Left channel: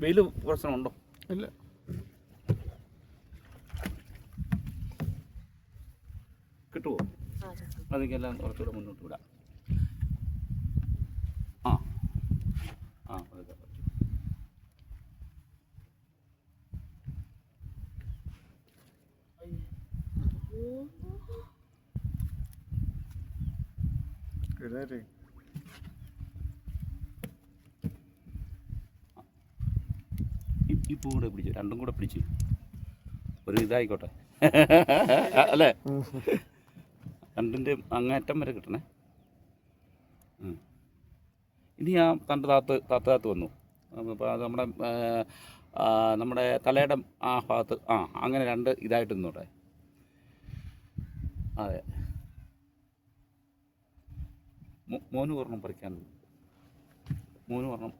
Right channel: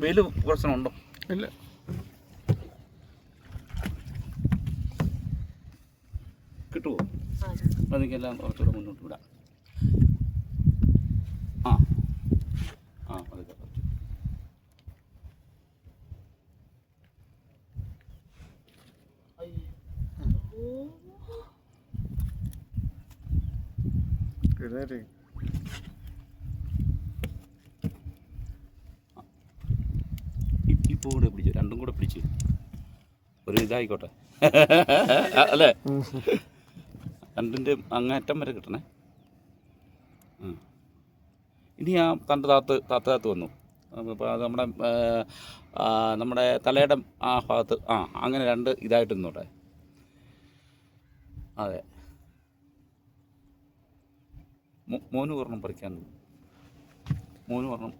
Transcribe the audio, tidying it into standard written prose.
വെയിൽ പ്രശ്നമുണ്ടോ? ഇല്ല. കിട്ടുമോ? അതെല്ലാം കുറച്ചുകൂടെ മുന്നോട്ട് വിടാം. ആ ആ അതെ. ഈ പൂ കൂടെ പിടിച്ചു, രണ്ടും കൂടെ പിടിച്ചു ഒരു ഇതായിക്കോട്ടെ അല്ലേ? രണ്ടിൻ്റെ അങ്ങേറ്റം വരെ കിട്ടണേ. ഇനി ആ തണ്ട് താത്ത് വന്നു. അപ്പോൾ അത് നമ്മുടെ തലയുടെ ആ ഭാഗത്ത് അങ്ങനെ രണ്ട് ഇതായിട്ട് നിന്നോട്ടെ. അതെ, മോന് ഒരെണ്ണം പറിക്കാൻ, മോന് ഒരെണ്ണം